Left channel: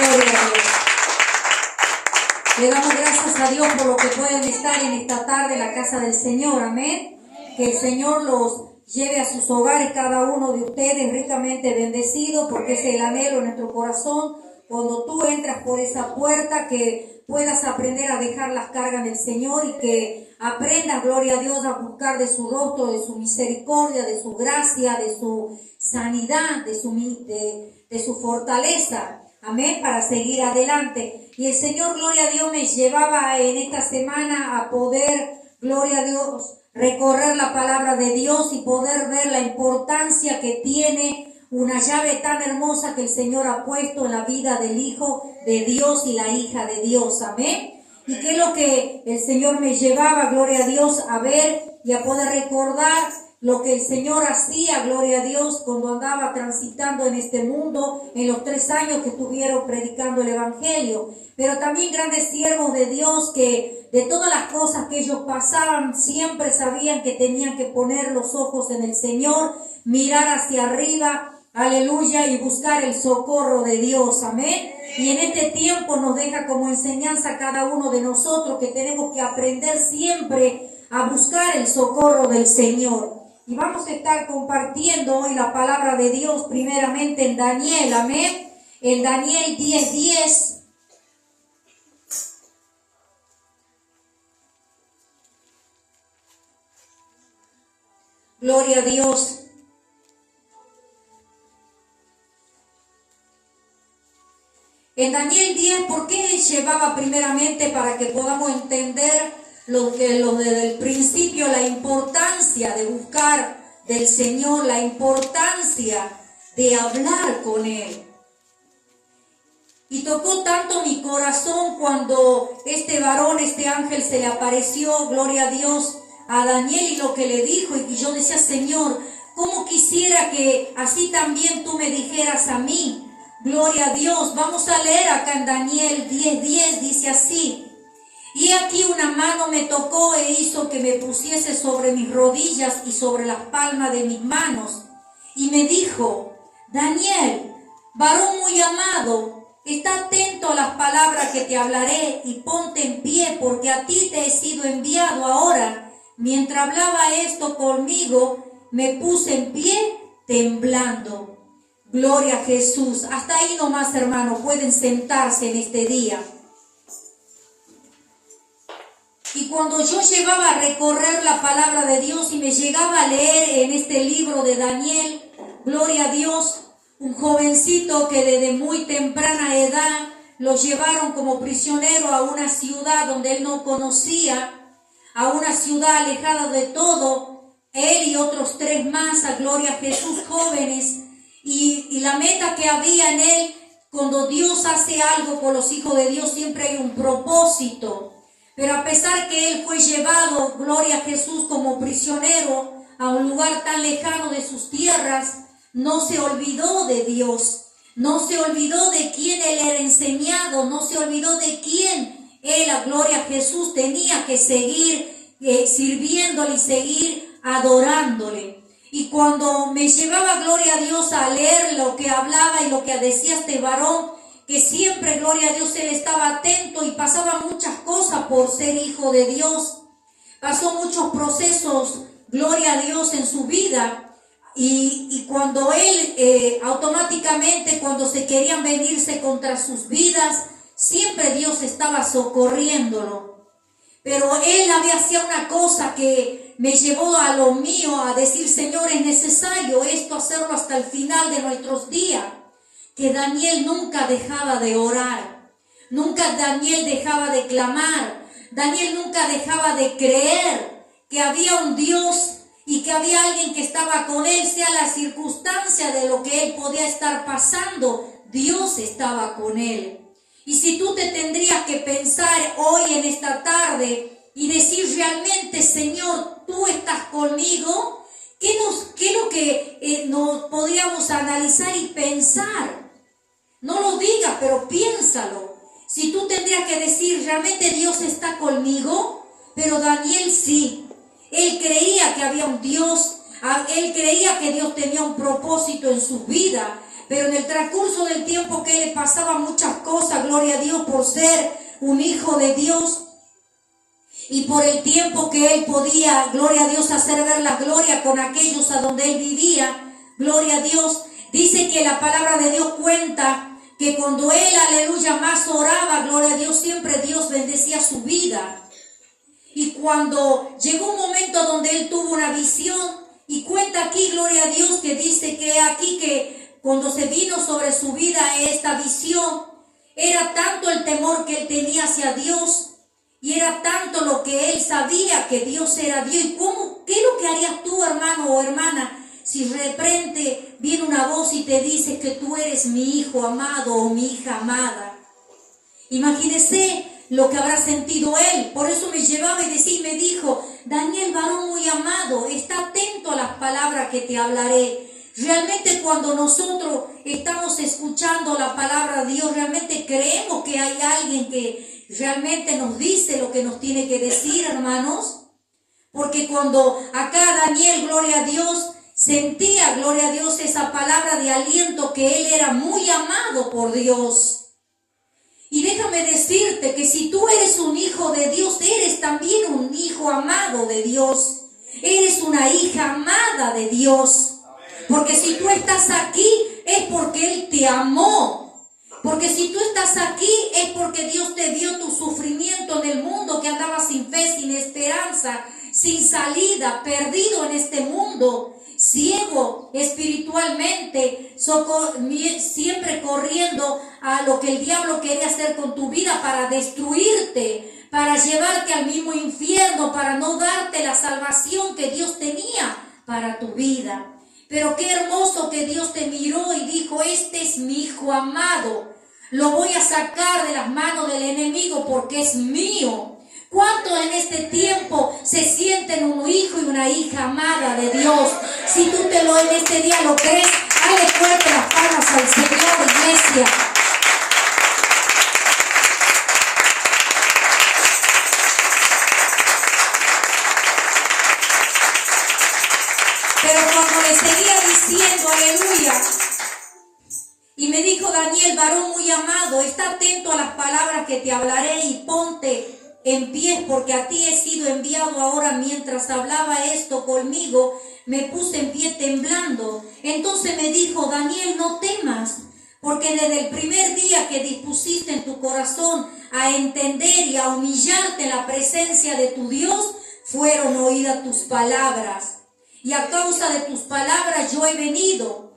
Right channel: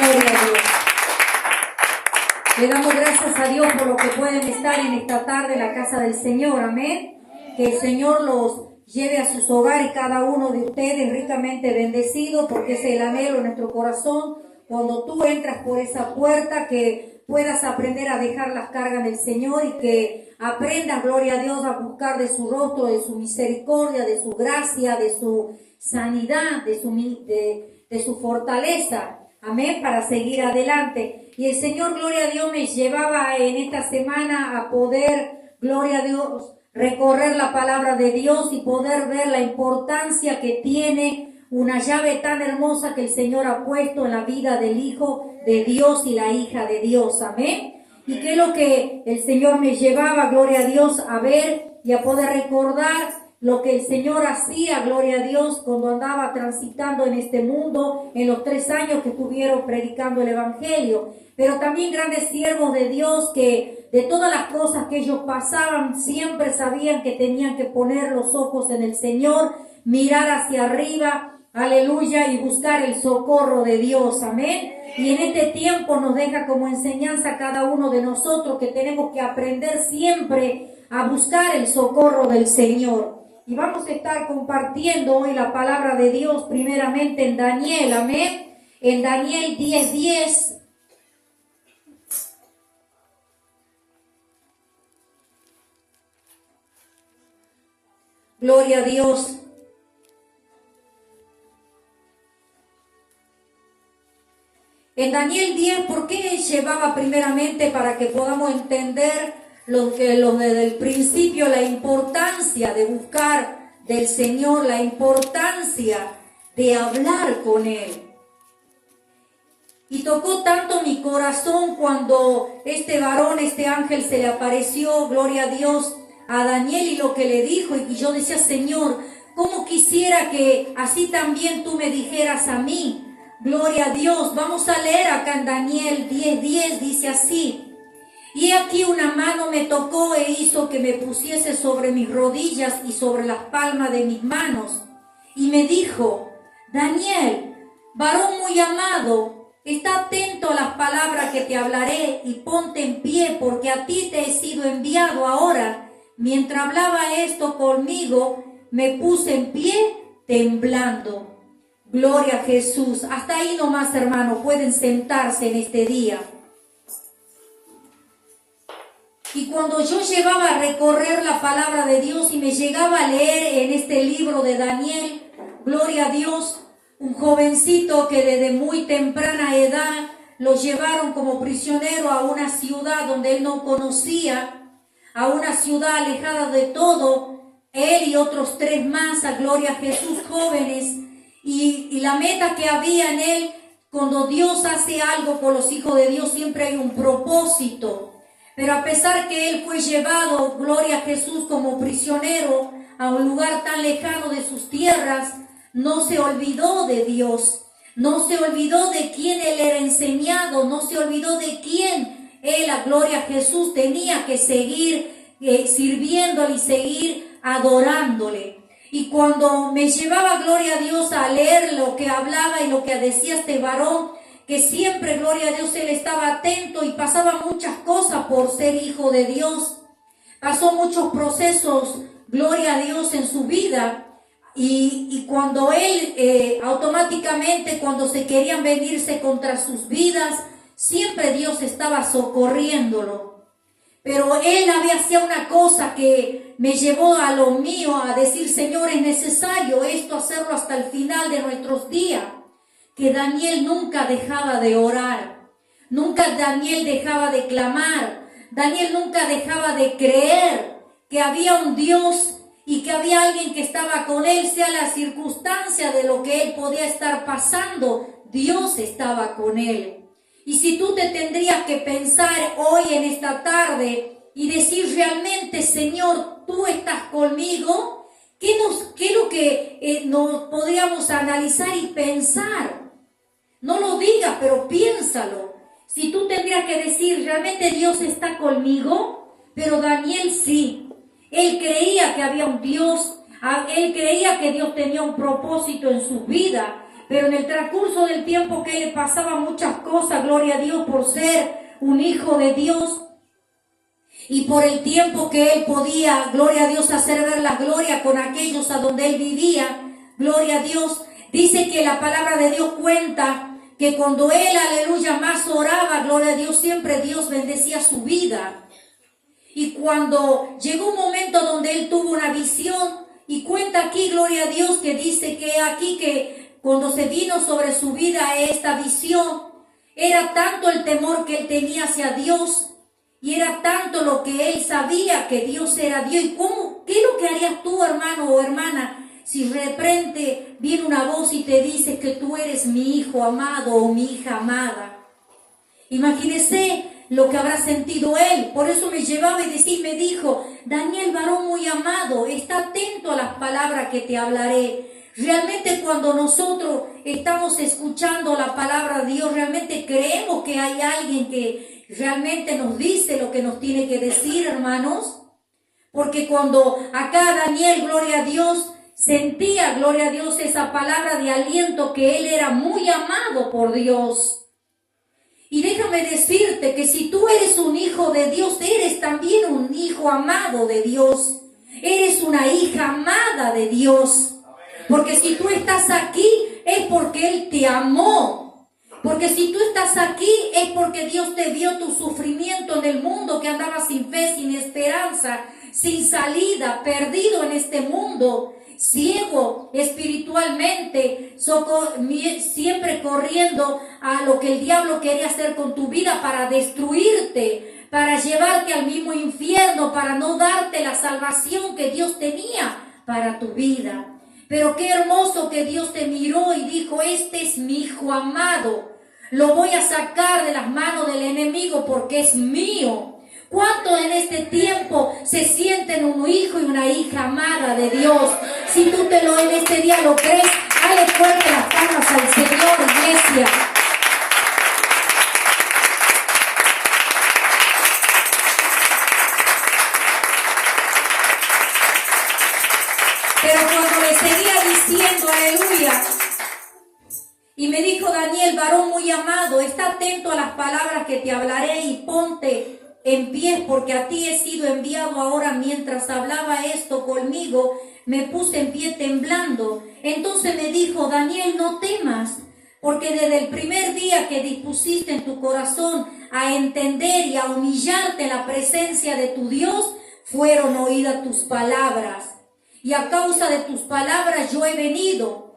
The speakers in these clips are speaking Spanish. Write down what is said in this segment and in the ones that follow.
Gloria a Dios. Le damos gracias a Dios por lo que pueden estar en esta tarde en la casa del Señor. Amén. Que el Señor los lleve a sus hogares, cada uno de ustedes ricamente bendecido, porque es el anhelo en nuestro corazón. Cuando tú entras por esa puerta, que puedas aprender a dejar las cargas del Señor y que aprendas, gloria a Dios, a buscar de su rostro, de su misericordia, de su gracia, de su sanidad, de su fortaleza. Amén, para seguir adelante. Y el Señor, gloria a Dios, me llevaba en esta semana a poder, gloria a Dios, recorrer la palabra de Dios y poder ver la importancia que tiene una llave tan hermosa que el Señor ha puesto en la vida del Hijo de Dios y la hija de Dios. Amén. Y que es lo que el Señor me llevaba, gloria a Dios, a ver y a poder recordar lo que el Señor hacía, gloria a Dios, cuando andaba transitando en este mundo, en los 3 años que estuvieron predicando el Evangelio. Pero también grandes siervos de Dios que de todas las cosas que ellos pasaban, siempre sabían que tenían que poner los ojos en el Señor, mirar hacia arriba, aleluya, y buscar el socorro de Dios, amén. Y en este tiempo nos deja como enseñanza a cada uno de nosotros que tenemos que aprender siempre a buscar el socorro del Señor. Y vamos a estar compartiendo hoy la palabra de Dios primeramente en Daniel, amén. En Daniel 10:10. Gloria a Dios. En Daniel 10, ¿por qué llevaba primeramente para que podamos entender desde el principio la importancia de buscar del Señor, la importancia de hablar con Él? Y tocó tanto mi corazón cuando este varón, este ángel se le apareció, gloria a Dios, a Daniel y lo que le dijo, y yo decía, Señor, ¿cómo quisiera que así también tú me dijeras a mí? Gloria a Dios. Vamos a leer acá en Daniel 10:10, dice así: y aquí una mano me tocó e hizo que me pusiese sobre mis rodillas y sobre las palmas de mis manos. Y me dijo, Daniel, varón muy amado, está atento a las palabras que te hablaré y ponte en pie, porque a ti te he sido enviado ahora. Mientras hablaba esto conmigo, me puse en pie temblando. Gloria a Jesús. Hasta ahí nomás, hermano, pueden sentarse en este día. Y cuando yo llevaba a recorrer la palabra de Dios y me llegaba a leer en este libro de Daniel, gloria a Dios, un jovencito que desde muy temprana edad lo llevaron como prisionero a una ciudad donde él no conocía, a una ciudad alejada de todo, él y otros 3 más, a gloria a Jesús, jóvenes, y la meta que había en él, cuando Dios hace algo por los hijos de Dios, siempre hay un propósito. Pero a pesar que él fue llevado, gloria a Jesús, como prisionero a un lugar tan lejano de sus tierras, no se olvidó de Dios, no se olvidó de quién él era enseñado, no se olvidó de quién él, a gloria a Jesús, tenía que seguir sirviéndole y seguir adorándole. Y cuando me llevaba, gloria a Dios, a leer lo que hablaba y lo que decía este varón, que siempre, gloria a Dios, él estaba atento y pasaba muchas cosas por ser hijo de Dios. Pasó muchos procesos, gloria a Dios, en su vida. Y cuando él, automáticamente, cuando se querían venirse contra sus vidas, siempre Dios estaba socorriéndolo. Pero él hacía una cosa que me llevó a lo mío, a decir, Señor, es necesario esto hacerlo hasta el final de nuestros días. Que Daniel nunca dejaba de orar, nunca Daniel dejaba de clamar, Daniel nunca dejaba de creer que había un Dios y que había alguien que estaba con él, sea la circunstancia de lo que él podía estar pasando, Dios estaba con él. Y si tú te tendrías que pensar hoy en esta tarde y decir realmente, Señor, tú estás conmigo, ¿qué es lo que nos podríamos analizar y pensar? No lo digas, pero piénsalo. Si tú tendrías que decir, ¿realmente Dios está conmigo? Pero Daniel sí. Él creía que había un Dios. Él creía que Dios tenía un propósito en su vida. pero en el transcurso del tiempo que le pasaba muchas cosas, gloria a Dios, por ser un hijo de Dios, y por el tiempo que él podía, gloria a Dios, hacer ver la gloria con aquellos a donde él vivía, gloria a Dios, dice que la palabra de Dios cuenta que cuando él, aleluya, más oraba, gloria a Dios, siempre Dios bendecía su vida. Y cuando llegó un momento donde él tuvo una visión, y cuenta aquí, gloria a Dios, que dice que aquí que cuando se vino sobre su vida esta visión, era tanto el temor que él tenía hacia Dios, y era tanto lo que él sabía que Dios era Dios. ¿Y qué es lo que harías tú, hermano o hermana, si de repente viene una voz y te dice que tú eres mi hijo amado o mi hija amada? Imagínese lo que habrá sentido él. Por eso me llevaba y decía, me dijo: Daniel, varón muy amado, está atento a las palabras que te hablaré. Realmente cuando nosotros estamos escuchando la palabra de Dios, realmente creemos que hay alguien que realmente nos dice lo que nos tiene que decir, hermanos. Porque cuando acá Daniel, gloria a Dios, sentía, gloria a Dios, esa palabra de aliento, que él era muy amado por Dios. Y déjame decirte que si tú eres un hijo de Dios, eres también un hijo amado de Dios. Eres una hija amada de Dios. Porque si tú estás aquí, es porque Él te amó. Porque si tú estás aquí, es porque Dios te vio tu sufrimiento en el mundo, que andabas sin fe, sin esperanza, sin salida, perdido en este mundo, ciego espiritualmente, siempre corriendo a lo que el diablo quería hacer con tu vida para destruirte, para llevarte al mismo infierno, para no darte la salvación que Dios tenía para tu vida. Pero qué hermoso que Dios te miró y dijo: este es mi hijo amado, lo voy a sacar de las manos del enemigo porque es mío. ¿Cuántos en este tiempo se sienten un hijo y una hija amada de Dios? Si tú en este día lo crees, dale fuerte las palmas al Señor, iglesia. Pero cuando le seguía diciendo, aleluya, y me dijo: Daniel, varón muy amado, está atento a las palabras que te hablaré y ponte en pie, porque a ti he sido enviado ahora. Mientras hablaba esto conmigo, me puse en pie temblando. Entonces me dijo: Daniel, no temas, porque desde el primer día que dispusiste en tu corazón a entender y a humillarte en la presencia de tu Dios, fueron oídas tus palabras. Y a causa de tus palabras yo he venido.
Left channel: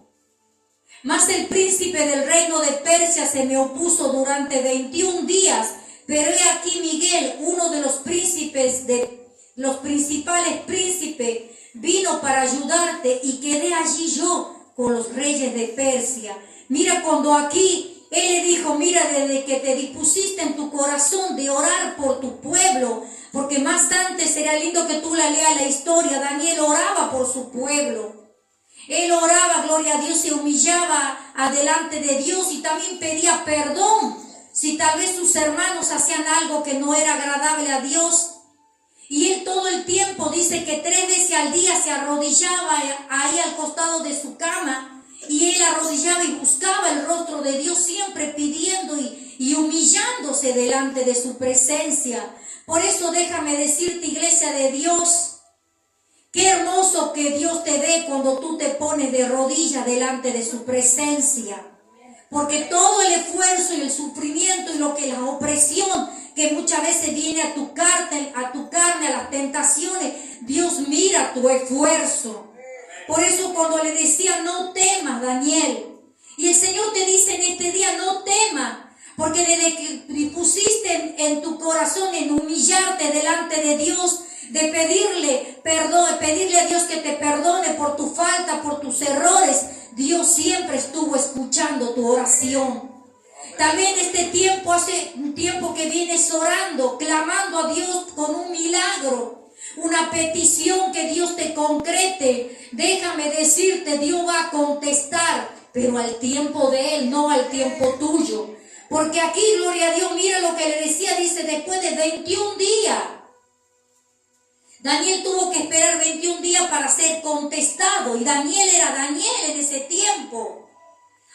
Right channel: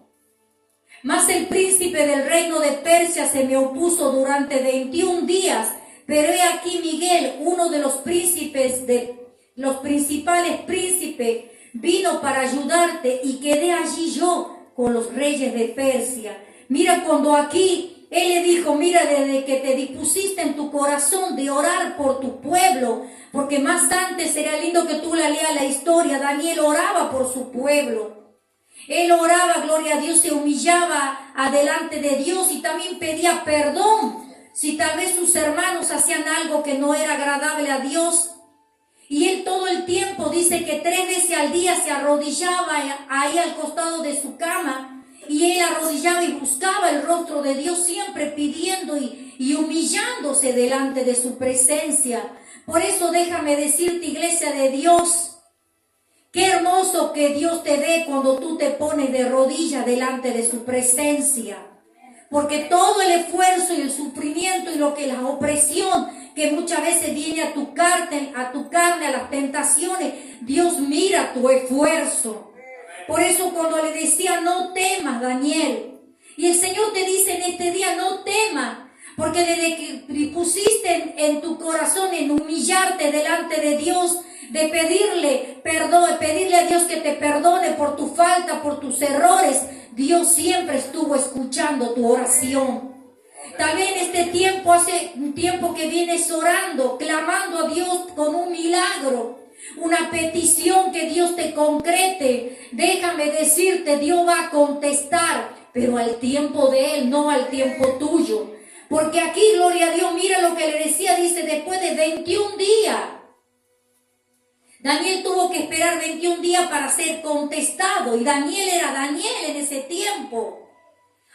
Mas el príncipe del reino de Persia se me opuso durante 21 días. Pero he aquí Miguel, uno de los príncipes, de los principales príncipes, vino para ayudarte, y quedé allí yo con los reyes de Persia. Mira, cuando aquí él le dijo: mira, desde que te dispusiste en tu corazón de orar por tu pueblo, porque más antes será lindo que tú leas la historia, Daniel oraba por su pueblo. Él oraba, gloria a Dios, se humillaba adelante de Dios y también pedía perdón si tal vez sus hermanos hacían algo que no era agradable a Dios. Y él todo el tiempo dice que 3 veces al día se arrodillaba ahí al costado de su cama, y él arrodillaba y buscaba el rostro de Dios, siempre pidiendo y humillándose delante de su presencia. Por eso déjame decirte, iglesia de Dios, qué hermoso que Dios te ve cuando tú te pones de rodillas delante de su presencia. Porque todo el esfuerzo y el sufrimiento y la opresión que muchas veces viene a tu carne, a las tentaciones, Dios mira tu esfuerzo. Por eso cuando le decía: no temas, Daniel, y el Señor te dice en este día: no temas, porque desde que pusiste en tu corazón en humillarte delante de Dios, de pedirle perdón, pedirle a Dios que te perdone por tu falta, por tus errores, Dios siempre estuvo escuchando tu oración. También este tiempo, hace un tiempo que vienes orando, clamando a Dios con un milagro, una petición que Dios te concrete. Déjame decirte, Dios va a contestar, pero al tiempo de Él, no al tiempo tuyo. Porque aquí, gloria a Dios, mira lo que le decía, dice: después de 21 días. Daniel tuvo que esperar 21 días para ser contestado, y Daniel era Daniel en ese tiempo.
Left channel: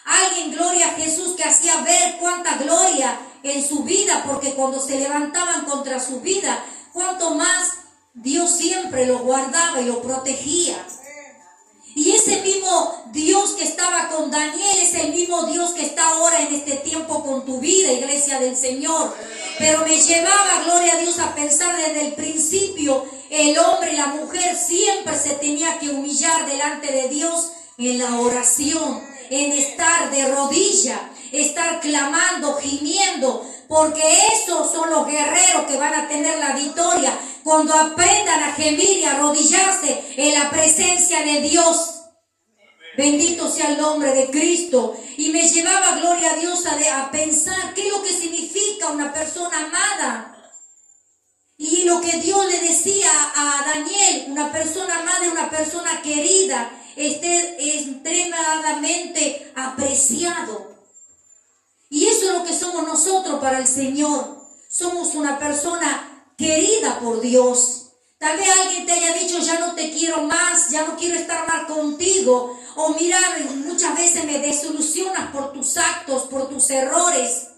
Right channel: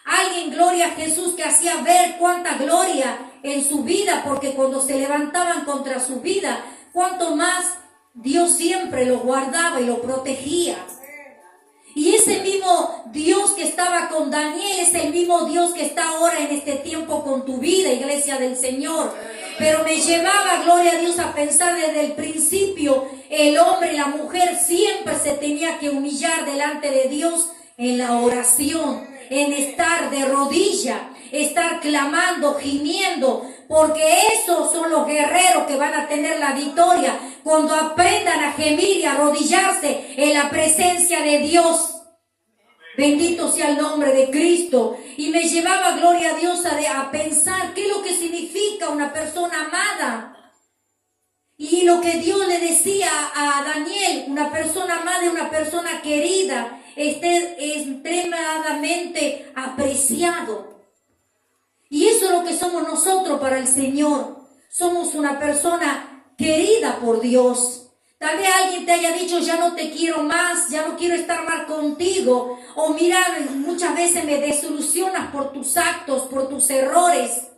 Alguien, gloria a Jesús, que hacía ver cuánta gloria en su vida, porque cuando se levantaban contra su vida, cuánto más Dios siempre lo guardaba y lo protegía. Y ese mismo Dios que estaba con Daniel es el mismo Dios que está ahora en este tiempo con tu vida, iglesia del Señor. Pero me llevaba, gloria a Dios, a pensar desde el principio, el hombre y la mujer siempre se tenía que humillar delante de Dios en la oración, en estar de rodilla, estar clamando, gimiendo, porque esos son los guerreros que van a tener la victoria cuando aprendan a gemir y a arrodillarse en la presencia de Dios. Bendito sea el nombre de Cristo. Y me llevaba, gloria a Dios, a pensar qué es lo que significa una persona amada. Y lo que Dios le decía a Daniel, una persona amada, una persona querida, extremadamente apreciado. Y eso es lo que somos nosotros para el Señor. Somos una persona querida por Dios. Tal vez alguien te haya dicho, ya no te quiero más, ya no quiero estar más contigo. O mira, muchas veces me desilusionas por tus actos, por tus errores.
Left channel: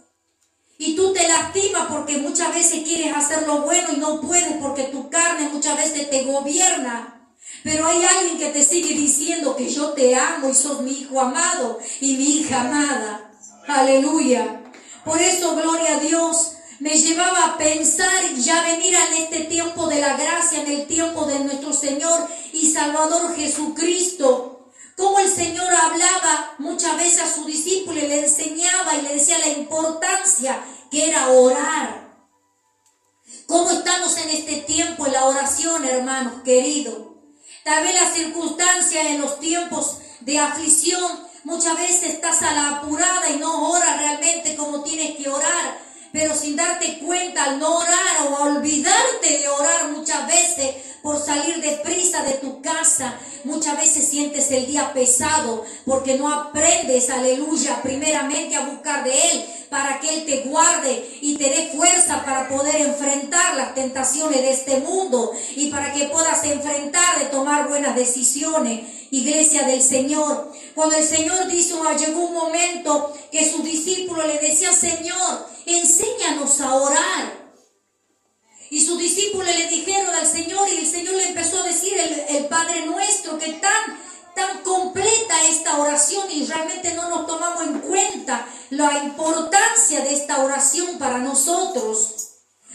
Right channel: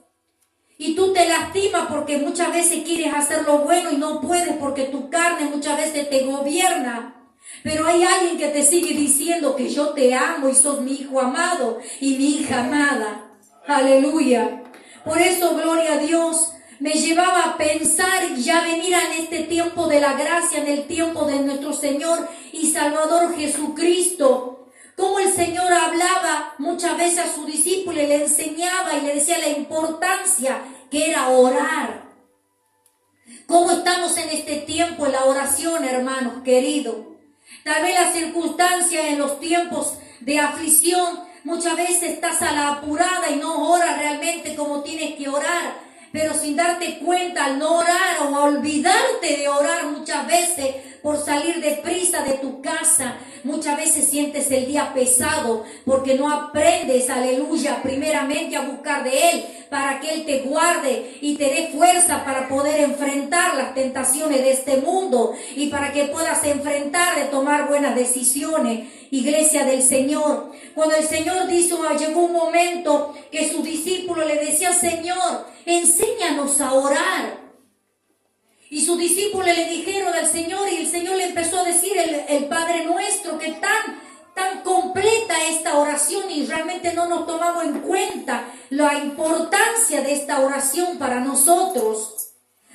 Y tú te lastimas porque muchas veces quieres hacer lo bueno y no puedes porque tu carne muchas veces te gobierna. Pero hay alguien que te sigue diciendo que yo te amo y sos mi hijo amado y mi hija amada. Aleluya. Por eso, gloria a Dios, me llevaba a pensar ya venir en este tiempo de la gracia, en el tiempo de nuestro Señor y Salvador Jesucristo. Cómo el Señor hablaba muchas veces a sus discípulos y le enseñaba y le decía la importancia que era orar. ¿Cómo estamos en este tiempo en la oración, hermanos queridos? Tal vez las circunstancias en los tiempos de aflicción, muchas veces estás a la apurada y no oras realmente como tienes que orar. Pero sin darte cuenta, al no orar o a olvidarte de orar muchas veces por salir deprisa de tu casa, muchas veces sientes el día pesado porque no aprendes, aleluya, primeramente a buscar de Él para que Él te guarde y te dé fuerza para poder enfrentar las tentaciones de este mundo y para que puedas enfrentar y tomar buenas decisiones. Iglesia del Señor, cuando el Señor dijo, llegó un momento que sus discípulos le decían, Señor, enséñanos a orar. Y sus discípulos le dijeron al Señor y el Señor le empezó a decir el Padre Nuestro, que tan completa esta oración y realmente no nos tomamos en cuenta la importancia de esta oración para nosotros.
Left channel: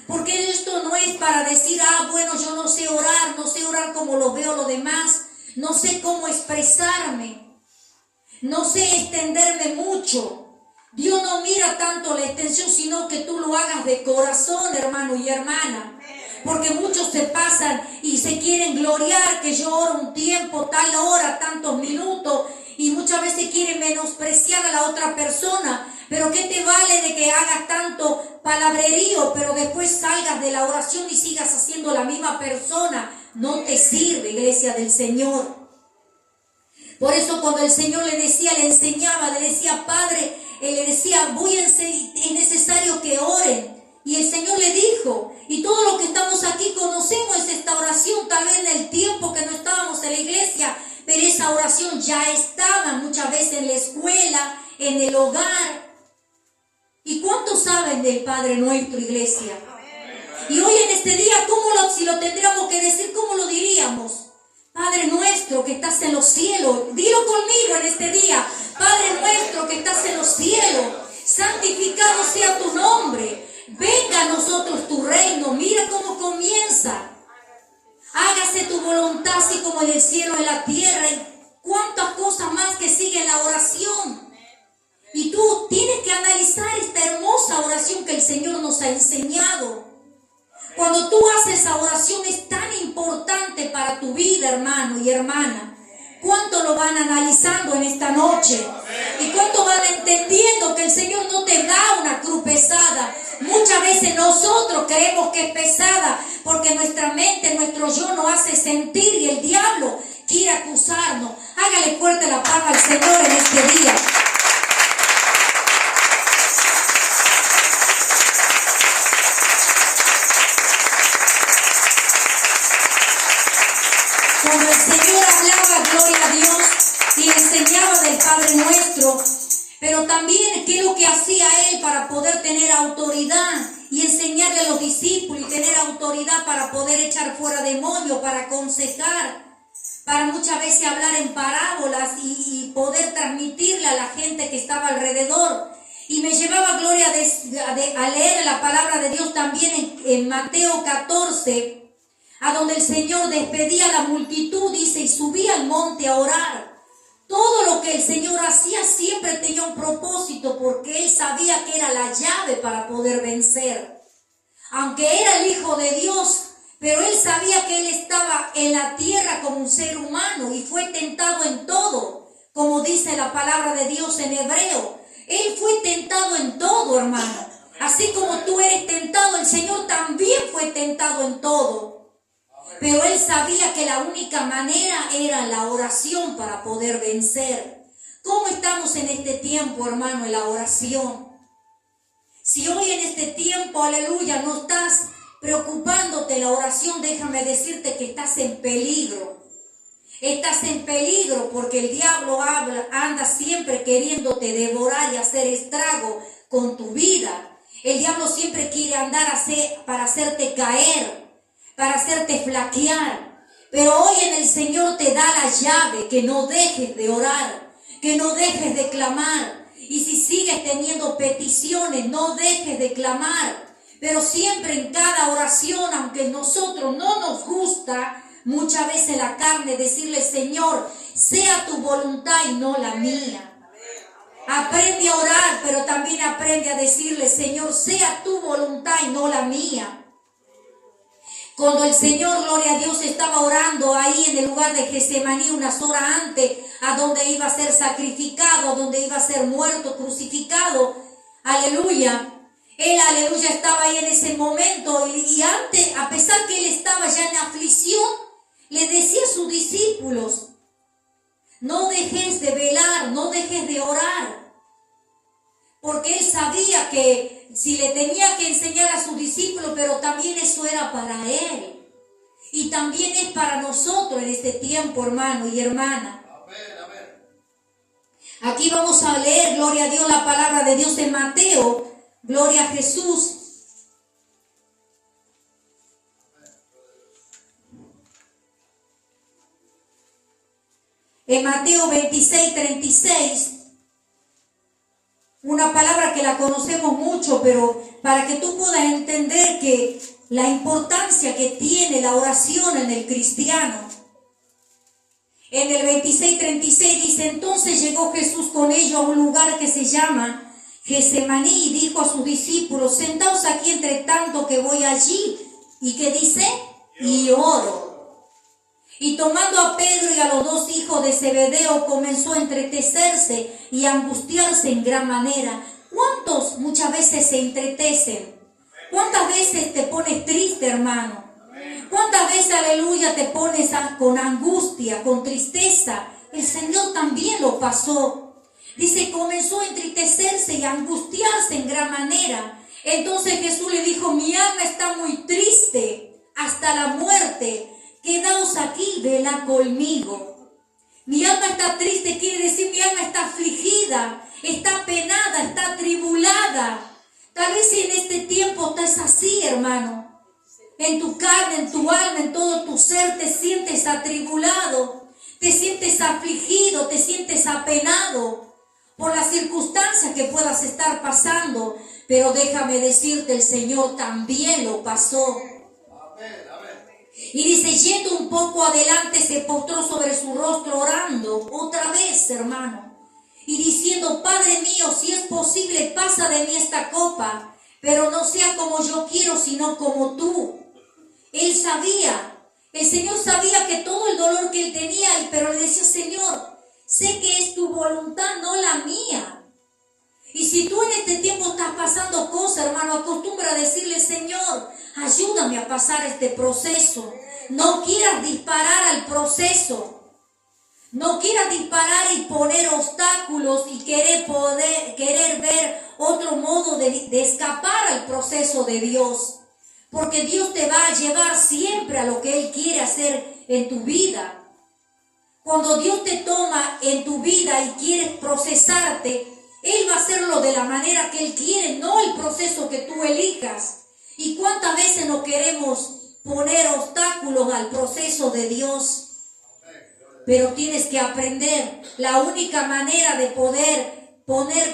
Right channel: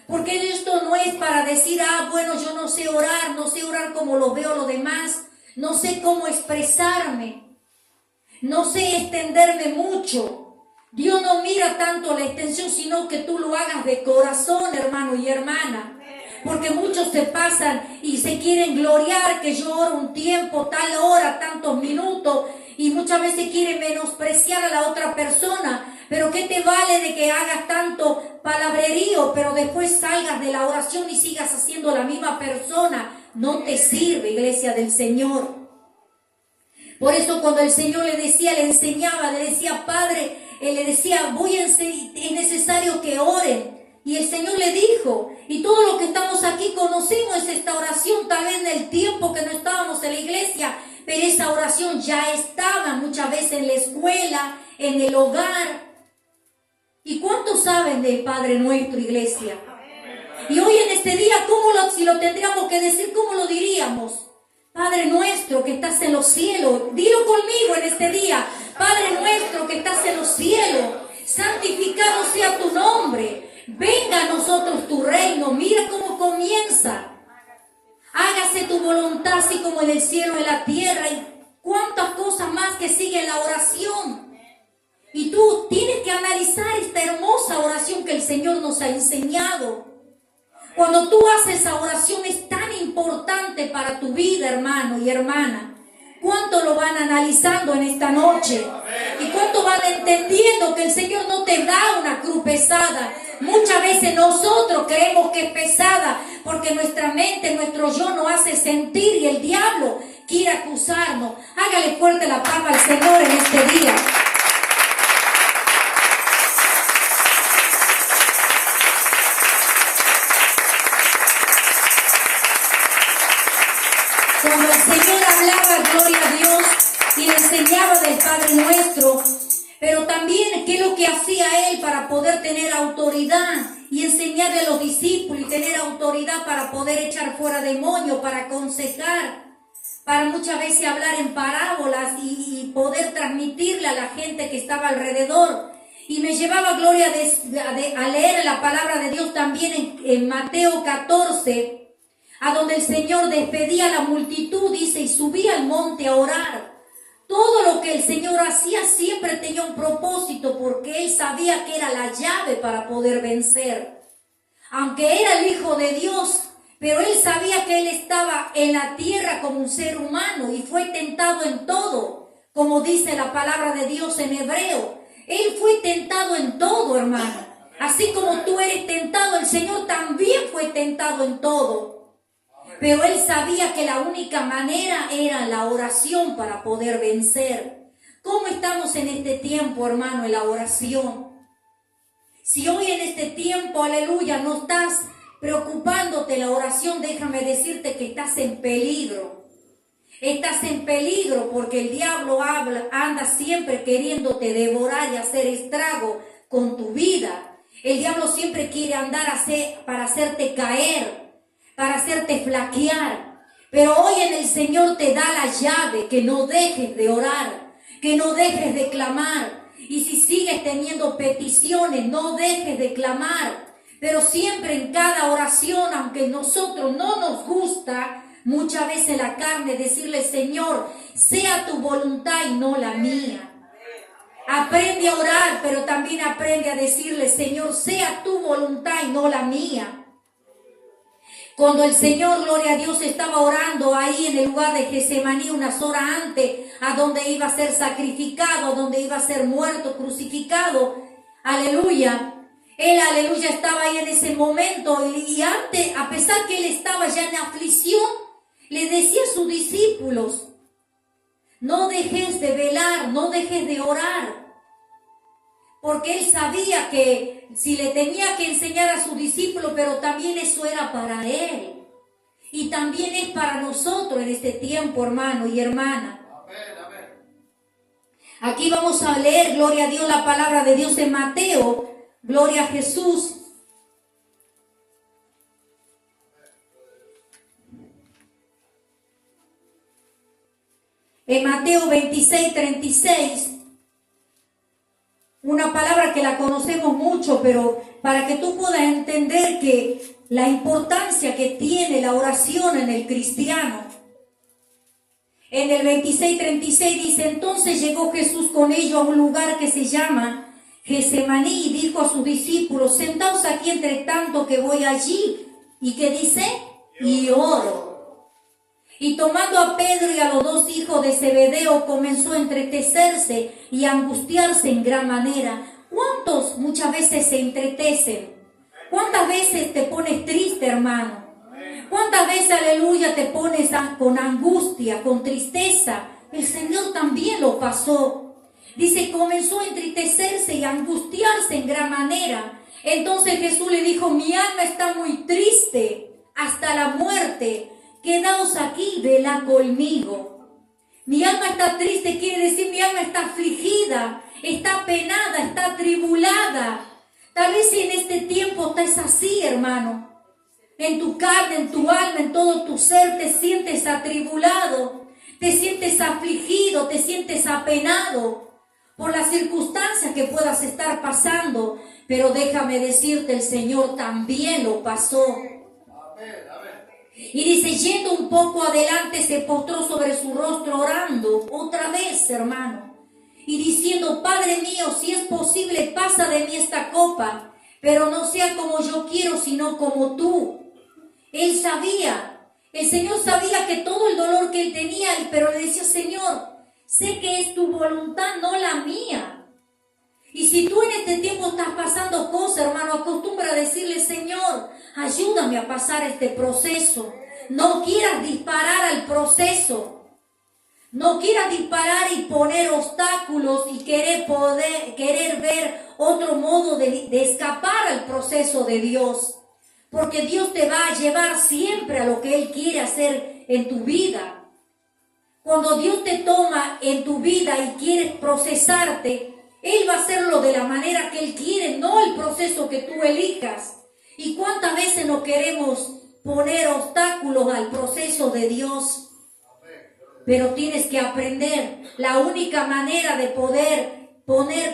Porque esto no es para decir, bueno, yo no sé orar como lo veo los demás, no sé cómo expresarme, no sé extenderme mucho. Dios no mira tanto la extensión, sino que tú lo hagas de corazón, hermano y hermana. Porque muchos se pasan y se quieren gloriar que yo oro un tiempo, tal hora, tantos minutos, y muchas veces quieren menospreciar a la otra persona. Pero ¿qué te vale de que hagas tanto palabrerío, pero después salgas de la oración y sigas haciendo la misma persona? No te sirve, iglesia del Señor. Por eso cuando el Señor le decía, le enseñaba, le decía, Padre, Él le decía, es necesario que oren. Y el Señor le dijo, y todos los que estamos aquí conocemos esta oración, tal vez en el tiempo que no estábamos en la iglesia, pero esa oración ya estaba muchas veces en la escuela, en el hogar. ¿Y cuántos saben del Padre Nuestro, iglesia? Y hoy en este día, si lo tendríamos que decir, ¿cómo lo diríamos? Padre Nuestro que estás en los cielos, dilo conmigo en este día. Padre Nuestro que estás en los cielos, santificado sea tu nombre. Venga a nosotros tu reino. Mira cómo comienza. Hágase tu voluntad así como en el cielo y en la tierra. Y cuántas cosas más que siguen la oración. Y tú tienes que analizar esta hermosa oración que el Señor nos ha enseñado. Cuando tú haces esa oración es tan importante para tu vida, hermano y hermana. ¿Cuánto lo van analizando en esta noche? ¿Y cuánto van entendiendo que el Señor no te da una cruz pesada? Muchas veces nosotros creemos que es pesada porque nuestra mente, nuestro yo nos hace sentir y el diablo quiere acusarnos. Hágale fuerte la palma al Señor en este día. Cuando el Señor hablaba, gloria a Dios, y enseñaba del Padre Nuestro, Pero también, ¿qué es lo que hacía él para poder tener autoridad y enseñarle a los discípulos y tener autoridad para poder echar fuera demonios, para aconsejar, para muchas veces hablar en parábolas y poder transmitirle a la gente que estaba alrededor? Y me llevaba Gloria a leer la palabra de Dios también en Mateo 14, a donde el Señor despedía a la multitud, dice, y subía al monte a orar. Todo lo que el Señor hacía siempre tenía un propósito, porque Él sabía que era la llave para poder vencer. Aunque era el Hijo de Dios, pero Él sabía que Él estaba en la tierra como un ser humano y fue tentado en todo, como dice la palabra de Dios en hebreo. Él fue tentado en todo, hermano. Así como tú eres tentado, el Señor también fue tentado en todo. Pero Él sabía que la única manera era la oración para poder vencer. ¿Cómo estamos en este tiempo, hermano, en la oración? Si hoy en este tiempo, aleluya, no estás preocupándote la oración, déjame decirte que estás en peligro. Estás en peligro porque el diablo anda siempre queriéndote devorar y hacer estrago con tu vida. El diablo siempre quiere andar para hacerte caer, para hacerte flaquear. Pero hoy en el Señor te da la llave, que no dejes de orar, que no dejes de clamar. Y si sigues teniendo peticiones, no dejes de clamar. Pero siempre en cada oración, aunque a nosotros no nos gusta, muchas veces la carne, decirle, Señor, sea tu voluntad y no la mía. Aprende a orar, pero también aprende a decirle, Señor, sea tu voluntad y no la mía. Cuando el Señor, gloria a Dios, estaba orando ahí en el lugar de Getsemaní unas horas antes, a donde iba a ser sacrificado, a donde iba a ser muerto, crucificado, aleluya. Él, aleluya, estaba ahí en ese momento y antes, a pesar que él estaba ya en aflicción, le decía a sus discípulos, no dejes de velar, no dejes de orar. Porque él sabía que si le tenía que enseñar a sus discípulos, pero también eso era para él. Y también es para nosotros en este tiempo, hermano y hermana. Aquí vamos a leer, gloria a Dios, la palabra de Dios en Mateo. Gloria a Jesús. En Mateo 26:36. Una palabra que la conocemos mucho, pero para que tú puedas entender que la importancia que tiene la oración en el cristiano. En el 26:36 dice, entonces llegó Jesús con ellos a un lugar que se llama Getsemaní y dijo a sus discípulos, sentaos aquí entre tanto que voy allí. ¿Y qué dice? Y oro. Y tomando a Pedro y a los dos hijos de Zebedeo, comenzó a entristecerse y a angustiarse en gran manera. ¿Cuántos muchas veces se entretecen? ¿Cuántas veces te pones triste, hermano? ¿Cuántas veces, aleluya, te pones con angustia, con tristeza? El Señor también lo pasó. Dice, comenzó a entristecerse y a angustiarse en gran manera. Entonces Jesús le dijo, mi alma está muy triste hasta la muerte. Quedaos aquí, velad conmigo. Mi alma está triste, quiere decir mi alma está afligida, está penada, está atribulada. Tal vez si en este tiempo estás así, hermano. En tu carne, en tu alma, en todo tu ser te sientes atribulado, te sientes afligido, te sientes apenado por las circunstancias que puedas estar pasando. Pero déjame decirte, el Señor también lo pasó. Y dice, yendo un poco adelante, se postró sobre su rostro orando, otra vez, hermano, y diciendo, Padre mío, si es posible, pasa de mí esta copa, pero no sea como yo quiero, sino como tú. Él sabía, el Señor sabía que todo el dolor que él tenía, pero le decía, Señor, sé que es tu voluntad, no la mía. Y si tú en este tiempo estás pasando cosas, hermano, acostumbra a decirle, Señor, ayúdame a pasar este proceso. No quieras disparar al proceso. No quieras disparar y poner obstáculos y querer ver otro modo de escapar al proceso de Dios. Porque Dios te va a llevar siempre a lo que Él quiere hacer en tu vida. Cuando Dios te toma en tu vida y quiere procesarte, Él va a hacerlo de la manera que Él quiere, no el proceso que tú elijas. ¿Y cuántas veces no queremos poner obstáculos al proceso de Dios? Pero tienes que aprender. La única manera de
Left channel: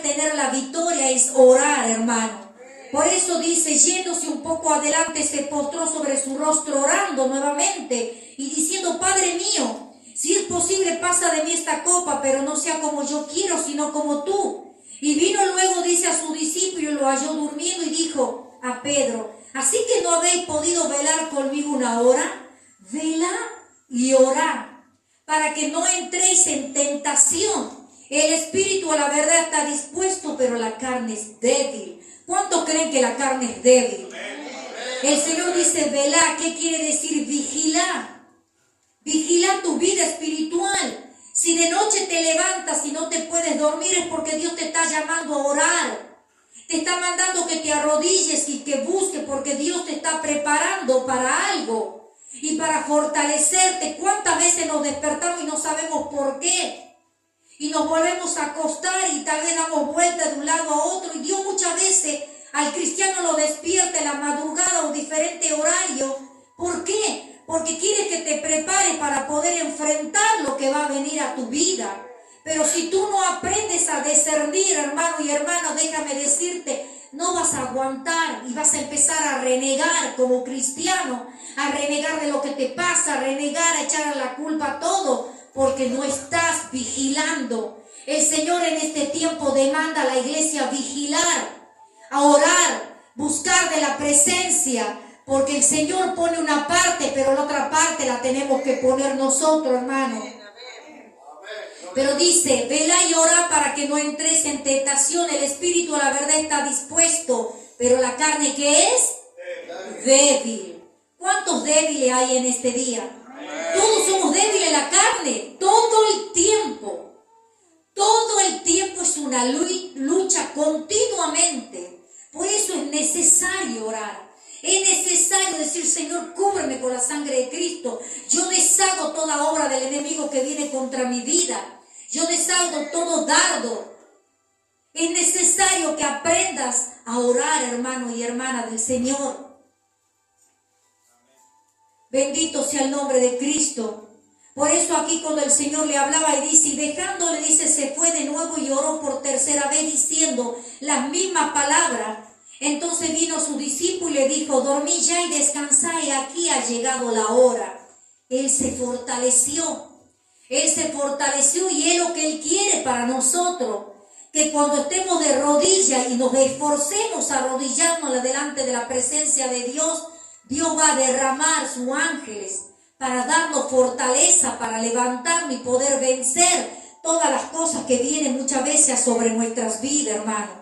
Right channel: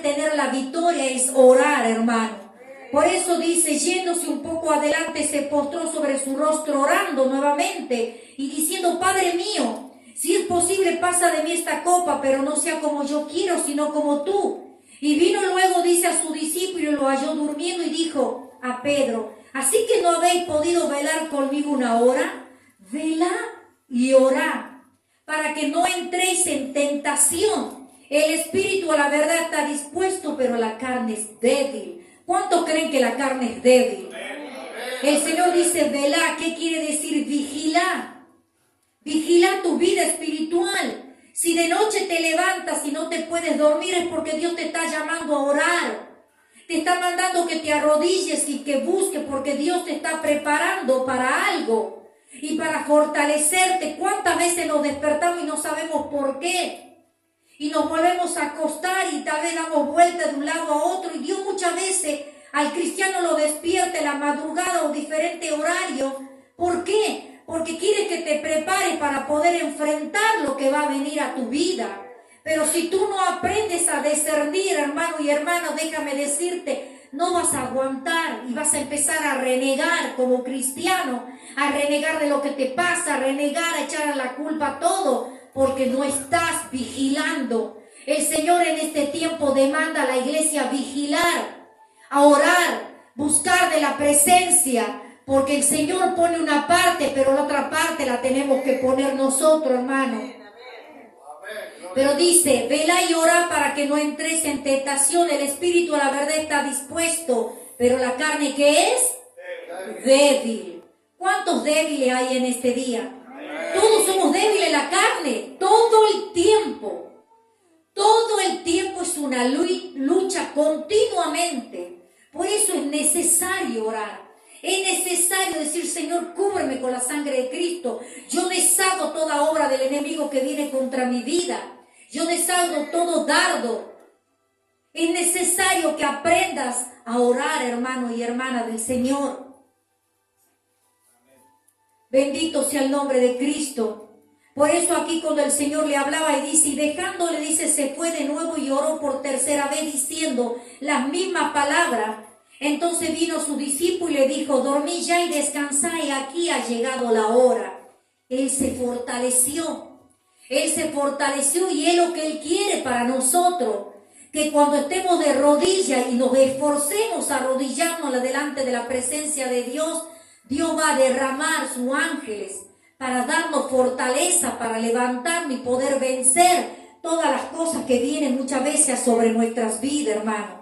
tener la victoria es orar, hermano. Por eso dice, yéndose un poco adelante, se postró sobre su rostro orando nuevamente y diciendo, Padre mío, si es posible, pasa de mí esta copa, pero no sea como yo quiero, sino como tú. Y vino luego, dice, a su discípulo y lo halló durmiendo y dijo a Pedro, ¿así que no habéis podido velar conmigo una hora? Velad y orad, para que no entréis en tentación. El espíritu a la verdad está dispuesto, pero la carne es débil. ¿Cuántos creen que la carne es débil? El Señor dice, velá. ¿Qué quiere decir vigilar? Vigila tu vida espiritual. Si de noche te levantas y no te puedes dormir es porque Dios te está llamando a orar. Te está mandando que te arrodilles y que busques porque Dios te está preparando para algo y para fortalecerte. ¿Cuántas veces nos despertamos y no sabemos por qué? Y nos volvemos a acostar y tal vez damos vueltas de un lado a otro. Y Dios muchas veces al cristiano lo despierta en la madrugada o diferente horario. ¿Por qué? Porque quiere que te prepares para poder enfrentar lo que va a venir a tu vida. Pero si tú no aprendes a discernir, hermano y hermana, déjame decirte, no vas a aguantar y vas a empezar a renegar como cristiano, a renegar de lo que te pasa, a renegar, a echar a la culpa todo, porque no estás vigilando. El Señor en este tiempo demanda a la iglesia vigilar, a orar, buscar de la presencia, porque el Señor pone una parte, pero la otra parte la tenemos que poner nosotros, hermano. Pero dice, velá y orá para que no entres en tentación. El espíritu, la verdad, está dispuesto, pero la carne, ¿qué es? Débil. ¿Cuántos débiles hay en este día? Todos somos débiles en la carne, todo el tiempo. Todo el tiempo es una lucha continuamente. Por eso es necesario orar. Es necesario decir, Señor, cúbreme con la sangre de Cristo. Yo deshago toda obra del enemigo que viene contra mi vida. Yo deshago todo dardo. Es necesario que aprendas a orar, hermano y hermana del Señor. Bendito sea el nombre de Cristo. Por eso aquí cuando el Señor le hablaba y dice, y dejándole, dice, se fue de nuevo y oró por tercera vez diciendo las mismas palabras. Entonces vino su discípulo y le dijo, dormí ya y descansá, y aquí ha llegado la hora. Él se fortaleció. Él se fortaleció y es lo que Él quiere para nosotros. Que cuando estemos de rodillas y nos esforcemos a arrodillarnos delante de la presencia de Dios, Dios va a derramar sus ángeles para darnos fortaleza, para levantarnos y poder vencer todas las cosas que vienen muchas veces sobre nuestras vidas, hermano.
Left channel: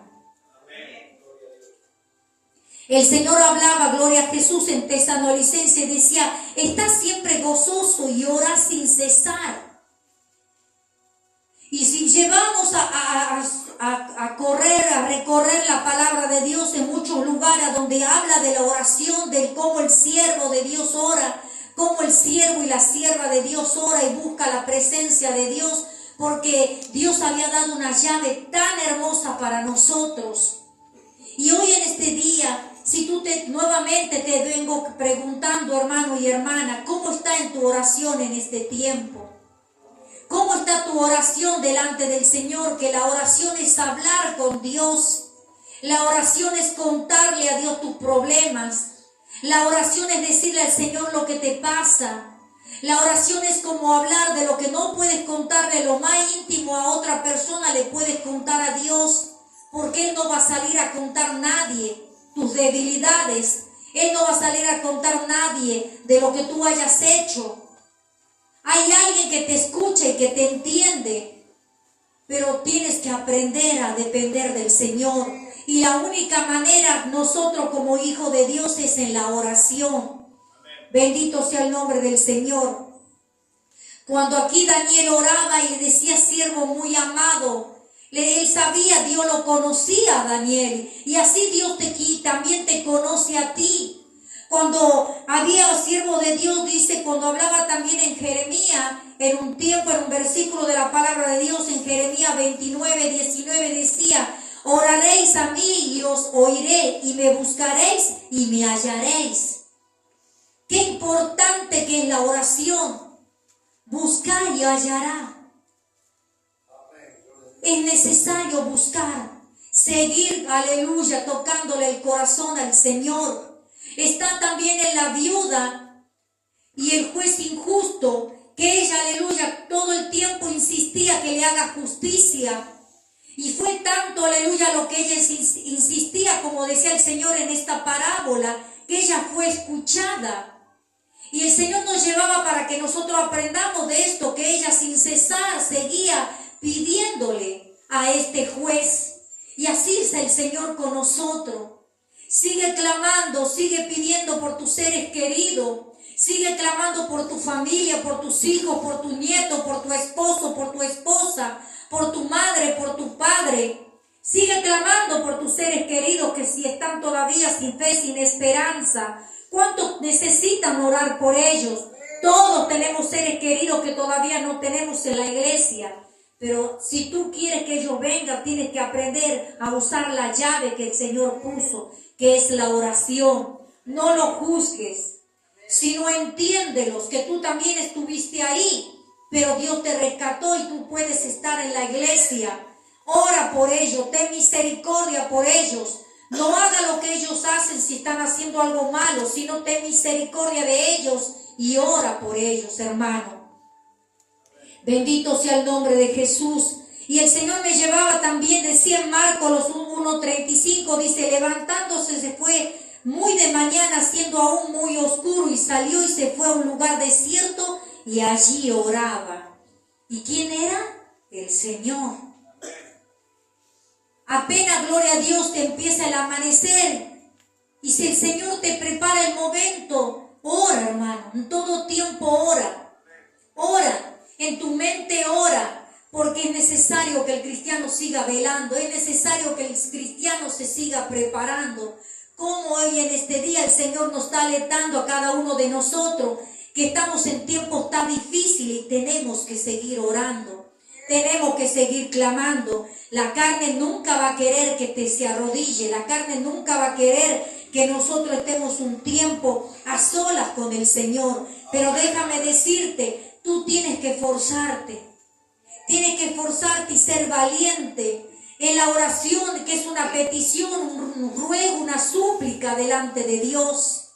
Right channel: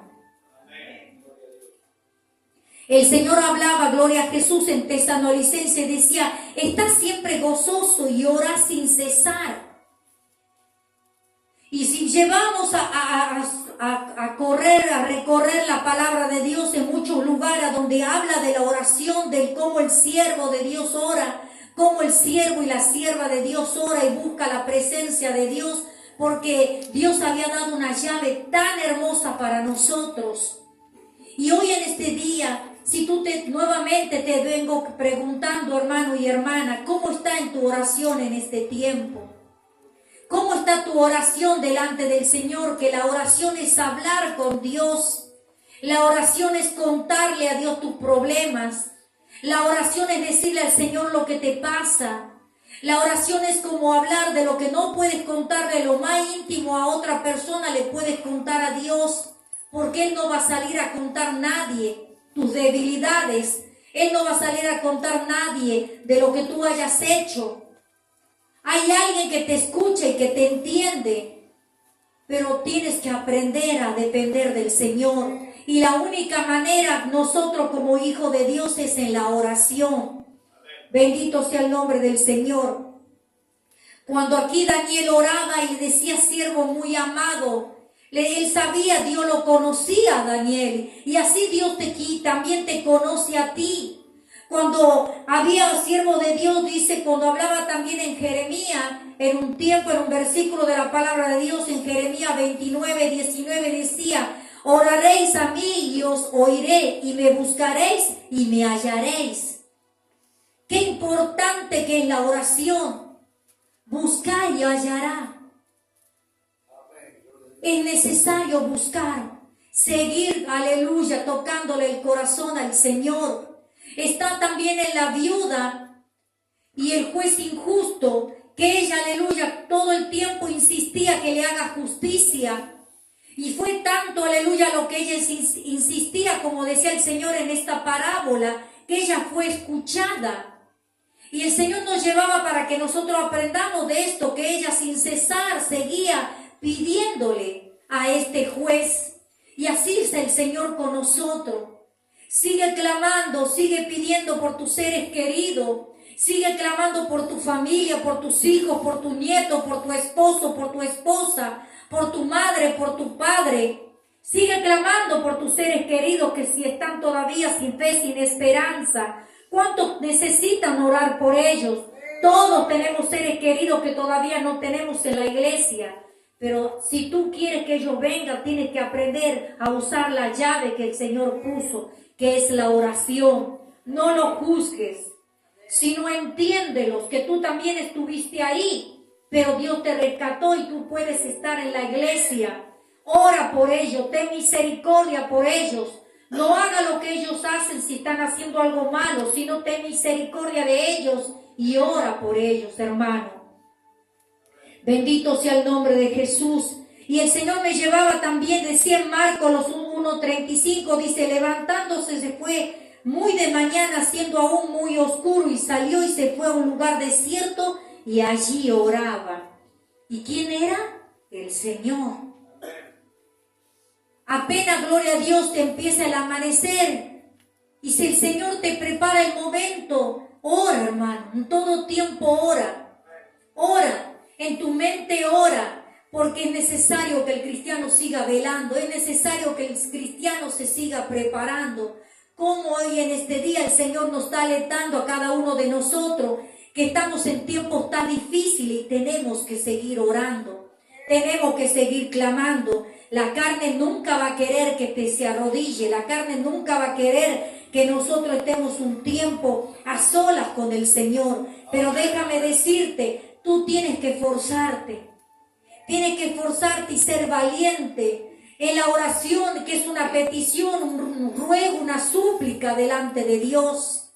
El Señor hablaba, gloria a Jesús, en Tesalonicenses, decía, está siempre gozoso y ora sin cesar. Y si llevamos a recorrer la palabra de Dios en muchos lugares donde habla de la oración, de cómo el siervo de Dios ora, cómo el siervo y la sierva de Dios ora y busca la presencia de Dios, porque Dios había dado una llave tan hermosa para nosotros. Y hoy en este día, si tú nuevamente te vengo preguntando, hermano y hermana, ¿cómo está en tu oración en este tiempo? ¿Cómo está tu oración delante del Señor? Que la oración es hablar con Dios. La oración es contarle a Dios tus problemas. La oración es decirle al Señor lo que te pasa. La oración es como hablar de lo que no puedes contar de lo más íntimo a otra persona, le puedes contar a Dios. Porque Él no va a salir a contar nadie tus debilidades. Él no va a salir a contar nadie de lo que tú hayas hecho. Hay alguien que te escucha y que te entiende, pero tienes que aprender a depender del Señor. Y la única manera, nosotros como hijos de Dios, es en la oración. Bendito sea el nombre del Señor. Cuando aquí Daniel oraba y decía, siervo muy amado, él sabía, Dios lo conocía a Daniel. Y así Dios también te conoce a ti. Cuando había siervos de Dios, dice, cuando hablaba también en Jeremías, en un tiempo, en un versículo de la palabra de Dios, en Jeremías 29, 19, decía, oraréis a mí y os oiré, y me buscaréis y me hallaréis. Qué importante que es la oración. Buscar y hallará. Es necesario buscar, seguir, aleluya, tocándole el corazón al Señor. Está también en la viuda y el juez injusto, que ella, aleluya, todo el tiempo insistía que le haga justicia. Y fue tanto, aleluya, lo que ella insistía, como decía el Señor en esta parábola, que ella fue escuchada. Y el Señor nos llevaba para que nosotros aprendamos de esto, que ella sin cesar seguía pidiéndole a este juez. Y así es el Señor con nosotros. Sigue clamando, sigue pidiendo por tus seres queridos. Sigue clamando por tu familia, por tus hijos, por tu nieto, por tu esposo, por tu esposa, por tu madre, por tu padre. Sigue clamando por tus seres queridos que si están todavía sin fe, sin esperanza. ¿Cuántos necesitan orar por ellos? Todos tenemos seres queridos que todavía no tenemos en la iglesia. Pero si tú quieres que ellos vengan, tienes que aprender a usar la llave que el Señor puso, que es la oración. No lo juzgues, sino entiéndelos, que tú también estuviste ahí, pero Dios te rescató y tú puedes estar en la iglesia. Ora por ellos, ten misericordia por ellos. No haga lo que ellos hacen si están haciendo algo malo, sino ten misericordia de ellos y ora por ellos, hermano. Bendito sea el nombre de Jesús. Y el Señor me llevaba también, decía en Marcos 1:35, dice, levantándose se fue muy de mañana, siendo aún muy oscuro, y salió y se fue a un lugar desierto y allí oraba. ¿Y quién era? El Señor. Apenas, gloria a Dios, te empieza el amanecer y si el Señor te prepara el momento, ora, hermano, en todo tiempo ora, en tu mente ora, porque es necesario que el cristiano siga velando, es necesario que el cristiano se siga preparando. Como hoy en este día el Señor nos está alertando a cada uno de nosotros que estamos en tiempos tan difíciles y tenemos que seguir orando. Tenemos que seguir clamando. La carne nunca va a querer que te se arrodille. La carne nunca va a querer que nosotros estemos un tiempo a solas con el Señor. Pero déjame decirte, tú tienes que forzarte. Tienes que forzarte y ser valiente en la oración, que es una petición, un ruego, una súplica delante de Dios.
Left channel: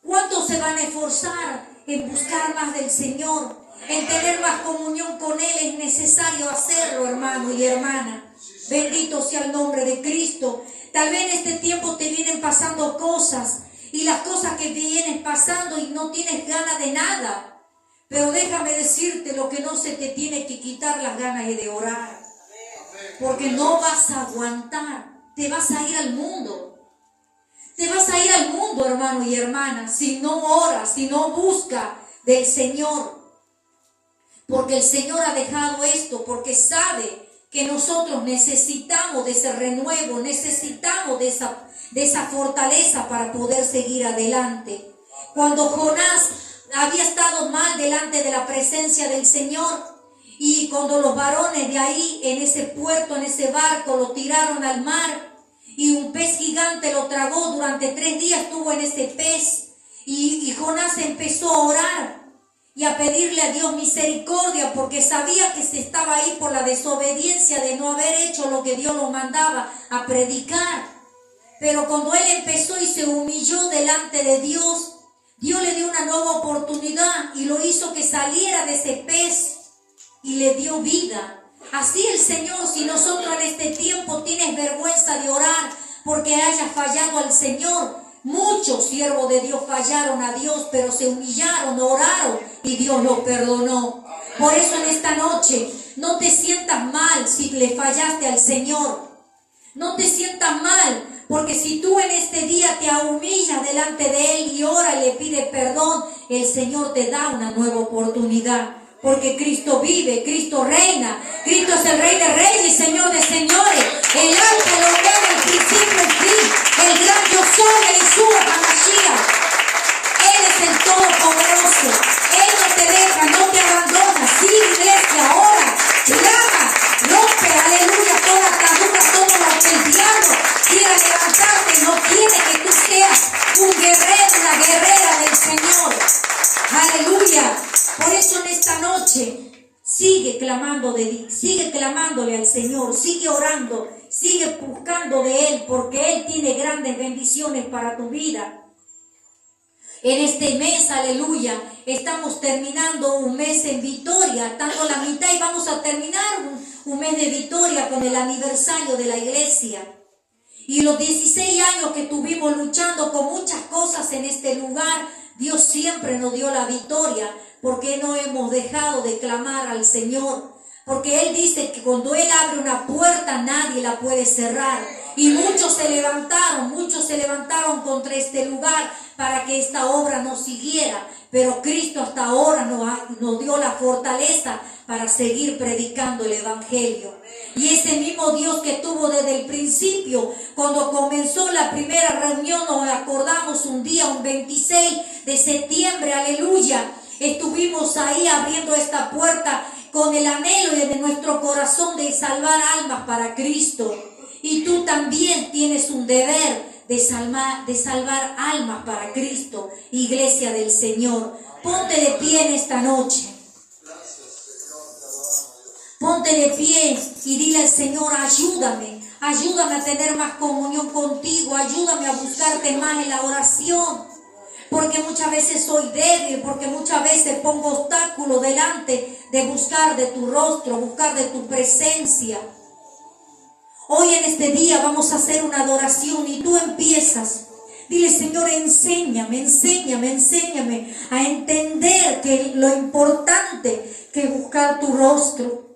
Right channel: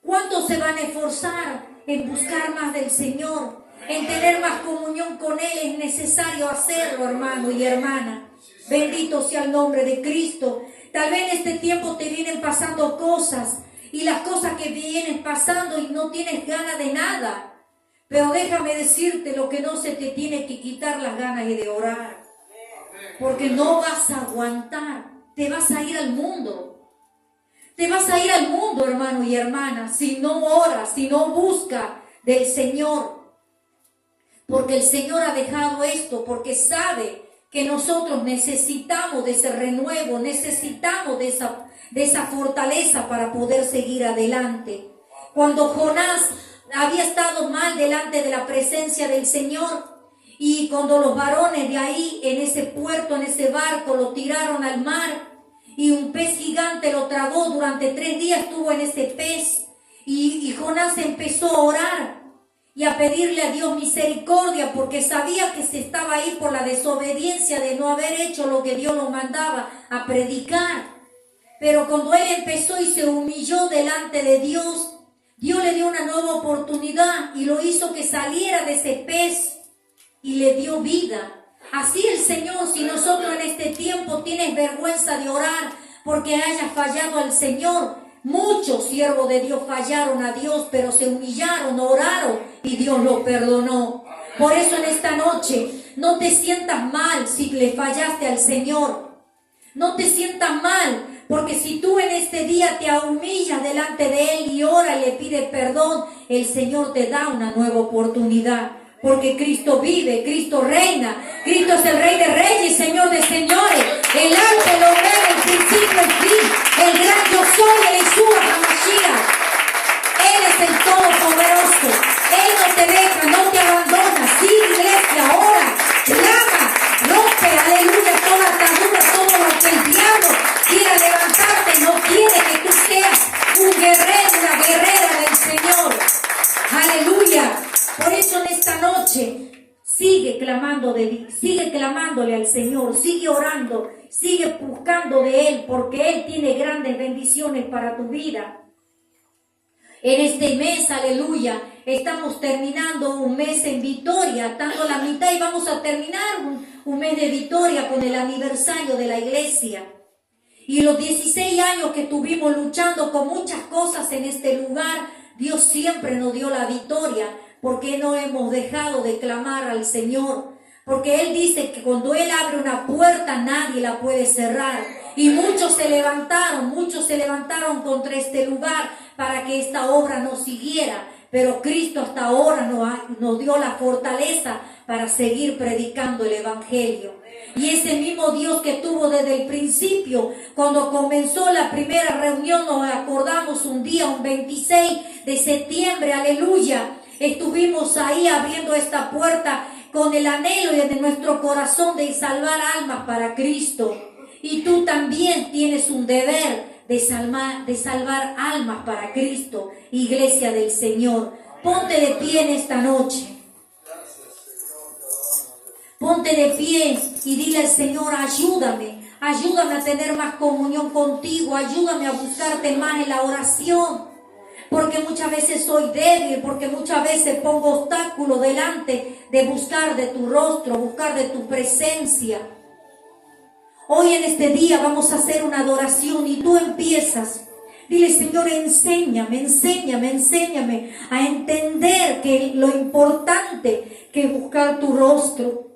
¿Cuántos se van a esforzar en buscar más del Señor? En tener más comunión con Él. Es necesario hacerlo, hermano y hermana. Bendito sea el nombre de Cristo. Tal vez en este tiempo te vienen pasando cosas, y las cosas que vienen pasando y no tienes ganas de nada. Pero déjame decirte, lo que no se te tiene que quitar las ganas de orar. Porque no vas a aguantar. Te vas a ir al mundo. Te vas a ir al mundo, hermano y hermana, si no oras, si no buscas del Señor. Porque el Señor ha dejado esto, porque sabe que nosotros necesitamos de ese renuevo, necesitamos de esa fortaleza para poder seguir adelante. Cuando Jonás había estado mal delante de la presencia del Señor, y cuando los varones de ahí, en ese puerto, en ese barco, lo tiraron al mar, y un pez gigante lo tragó, durante 3 días estuvo en ese pez, y Jonás empezó a orar y a pedirle a Dios misericordia, porque sabía que se estaba ahí por la desobediencia de no haber hecho lo que Dios lo mandaba a predicar. Pero cuando él empezó y se humilló delante de Dios, Dios le dio una nueva oportunidad y lo hizo que saliera de ese pez y le dio vida. Así el Señor, si nosotros en este tiempo tienes vergüenza de orar porque hayas fallado al Señor, muchos siervos de Dios fallaron a Dios, pero se humillaron, oraron y Dios los perdonó. Por eso en esta noche no te sientas mal si le fallaste al Señor. No te sientas mal, porque si tú en este día te humillas delante de Él y ora y le pides perdón, el Señor te da una nueva oportunidad. porque Cristo vive, Cristo reina, Cristo es el Rey de Reyes, Señor de Señores, el Alfa, el Omega, el principio, el fin, el gran yo soy, el Yeshua HaMashiach. Él es el Todopoderoso, Él no te deja, no te abandona. Sí, iglesia, ahora, clama, rompe, aleluya, toda atadura, todo lo que el diablo quiera levantarte, no quiere que tú seas un guerrero, una guerrera del Señor. Aleluya. Por eso en esta noche sigue clamándole al Señor, sigue orando, sigue buscando de Él, porque Él tiene grandes bendiciones para tu vida. En este mes, aleluya, estamos terminando un mes en victoria, estamos a la mitad y vamos a terminar un mes de victoria con el aniversario de la iglesia. Y los 16 años que estuvimos luchando con muchas cosas en este lugar, Dios siempre nos dio la victoria, porque no hemos dejado de clamar al Señor. Porque Él dice que cuando Él abre una puerta, nadie la puede cerrar. Y muchos se levantaron contra este lugar para que esta obra no siguiera. Pero Cristo hasta ahora nos dio la fortaleza para seguir predicando el Evangelio. Y ese mismo Dios que tuvo desde el principio, cuando comenzó la primera reunión, nos acordamos un día, un 26 de septiembre, aleluya, estuvimos ahí abriendo esta puerta con el anhelo de nuestro corazón de salvar almas para Cristo. Y tú también tienes un deber de salvar almas para Cristo, iglesia del Señor. Ponte de pie en esta noche. Ponte de pie y dile al Señor, ayúdame a tener más comunión contigo, ayúdame a buscarte más en la oración, porque muchas veces soy débil, porque muchas veces pongo obstáculos delante de buscar de tu rostro, buscar de tu presencia. Hoy en este día vamos a hacer una adoración y tú empiezas. Dile, Señor, enséñame a entender que lo importante que es buscar tu rostro.